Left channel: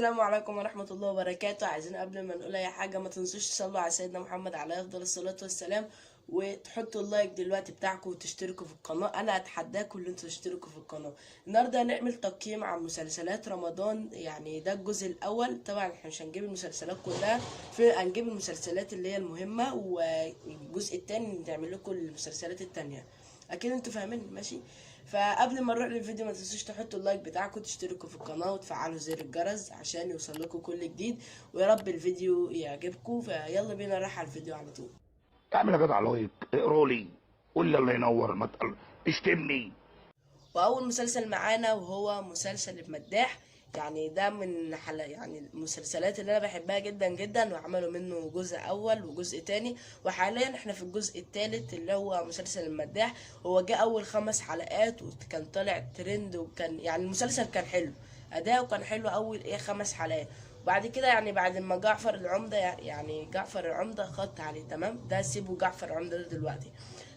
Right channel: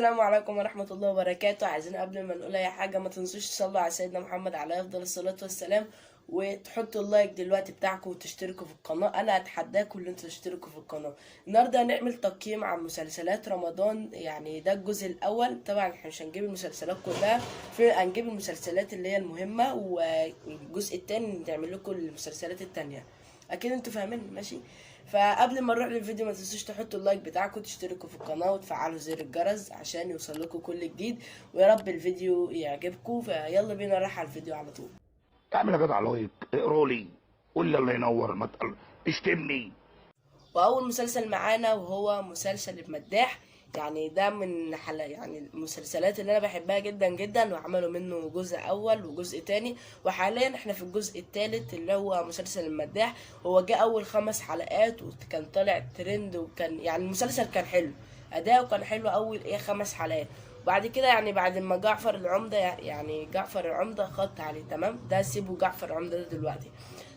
السلام عليكم ورحمة الله وبركاته. عايزين قبل ما نقول أي حاجة ما تنسوش تصلوا على سيدنا محمد عليه أفضل الصلاة والسلام، وتحطوا اللايك دلوقتي بتاعكم وتشتركوا في القناة. أنا أتحداكم إن انتوا تشتركوا في القناة. النهاردة هنعمل تقييم عن مسلسلات رمضان، يعني ده الجزء الأول. طبعا احنا مش هنجيب المسلسلات كلها، هنجيب المسلسلات اللي هي المهمة، والجزء التاني نعمل لكم المسلسلات التانية. أكيد انتوا فاهمين ماشي. فقبل ما نروح للفيديو ما تنسوش تحطوا اللايك بتاعكم وتشتركوا في القناه وتفعلوا زر الجرس عشان يوصل لكم كل جديد، ويا رب الفيديو يعجبكم. فيلا بينا نروح على الفيديو على طول. اعمل يا جدع لايك، اقروا لي، قول لي الله ينور، ما اشتمني. واول مسلسل معانا وهو مسلسل المداح، يعني ده من يعني المسلسلات اللي انا بحبها جدا جدا، وعملوا منه جزء اول وجزء تاني، وحاليا احنا في الجزء التالت اللي هو مسلسل المداح. هو جه اول 5 حلقات وكان طالع ترند، وكان يعني المسلسل كان حلو، اداؤه كان حلو اول 5 حلقات. وبعد كده يعني بعد ما جعفر العمدة، يعني جعفر العمدة خط عليه تمام، ده سيبه جعفر العمدة ده دلوقتي.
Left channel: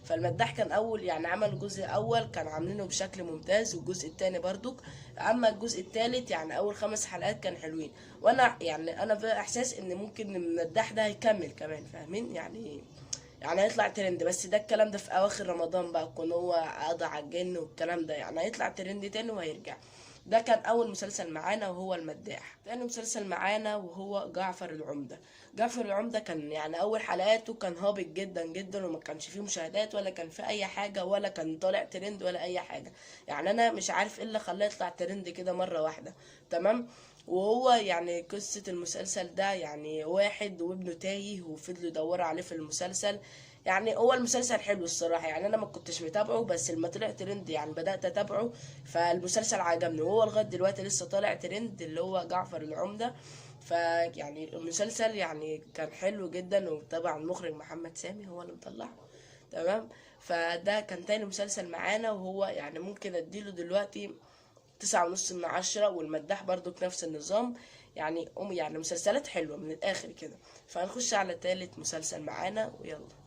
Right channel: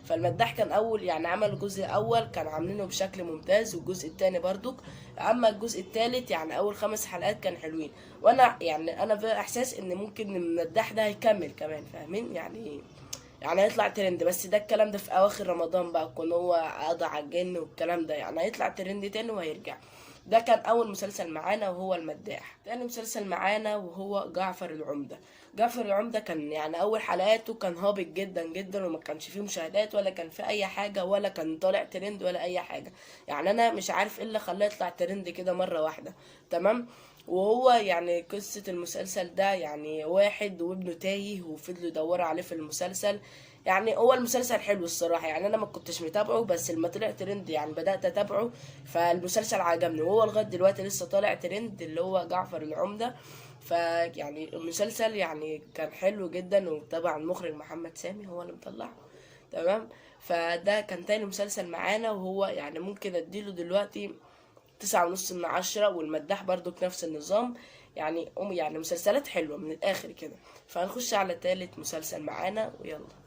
فالمداح كان اول يعني عمل الجزء الاول كان عاملينه بشكل ممتاز، والجزء التاني برضو. اما الجزء التالت يعني اول 5 حلقات كان حلوين، وانا يعني انا في احساس ان ممكن المداح ده هيكمل كمان، فاهمين يعني هيطلع ترند. بس ده الكلام ده في اواخر رمضان بقى، يكون هو قضى على الجن والكلام ده، يعني هيطلع ترند تاني وهيرجع. ده كان اول مسلسل معانا وهو المداح. تاني مسلسل معانا وهو جعفر العمدة. جعفر العمدة كان يعني اول حلقاته كان هابط جدا جدا، وما كانش فيه مشاهدات ولا كان فيه اي حاجة، ولا كان طالع ترند ولا اي حاجة. يعني انا مش عارف ايه اللي خلاه يطلع ترند كده مرة واحدة. تمام. وهو يعني قصة المسلسل ده يعني واحد وابنه تايه وفضلوا يدوروا عليه في المسلسل. يعني هو المسلسل حلو الصراحة، يعني أنا ما كنتش متابعه، بس لما طلع ترند يعني بدأت أتابعه. فالمسلسل عجبني، وهو لغاية دلوقتي لسه طالع ترند اللي هو جعفر العمدة. فيعني المسلسل يعني كان حلو جدا، وطبعا المخرج محمد سامي هو اللي مطلعه. تمام. فده كان تاني مسلسل معانا، وهو يعني ممكن اديله دلوقتي 9.5 من 10. والمداح برضو بنفس النظام، يعني مسلسلات حلوة من الآخر كده. فهنخش على تالت مسلسل معانا ويلا.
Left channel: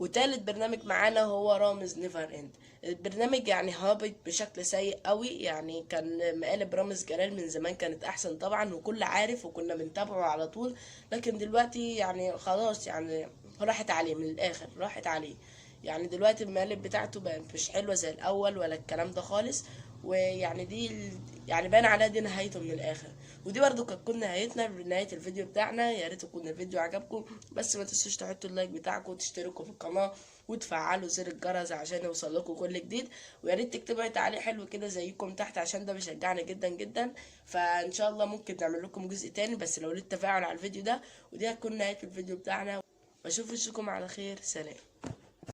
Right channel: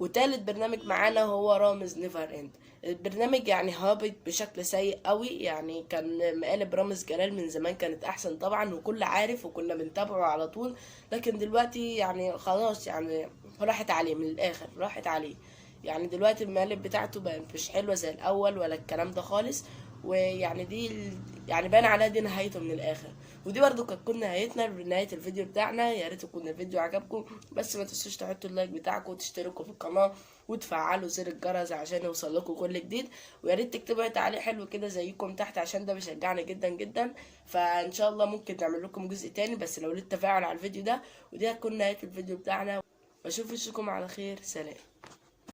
وتالت برنامج معانا هو رامز نيفر اند. البرنامج يعني هابط بشكل سيء قوي، يعني كان مقالب رامز جلال من زمان كانت احسن طبعا، وكل عارف وكنا بنتابعه على طول. لكن دلوقتي يعني خلاص، يعني راحت عليه من الاخر، راحت عليه. يعني دلوقتي المقالب بتاعته بقت مش حلوة زي الاول ولا الكلام ده خالص. ويعني يعني باين عليها دي نهايته من الاخر. ودي برضو كانت تكون نهايتنا بنهاية الفيديو بتاعنا. يا ريت يكون الفيديو عجبكم، بس ما تنسوش تحطوا اللايك بتاعكم وتشتركوا في القناة وتفعلوا زر الجرس عشان يوصل لكم كل جديد. ويا ريت تكتبوا اي تعليق حلو كده زيكم تحت، عشان ده بيشجعني جدا جدا. فان شاء الله ممكن نعمل لكم جزء تاني، بس لو ليه تفاعل على الفيديو ده. ودي هتكون نهاية الفيديو بتاعنا، واشوف وشكم على خير. سلام.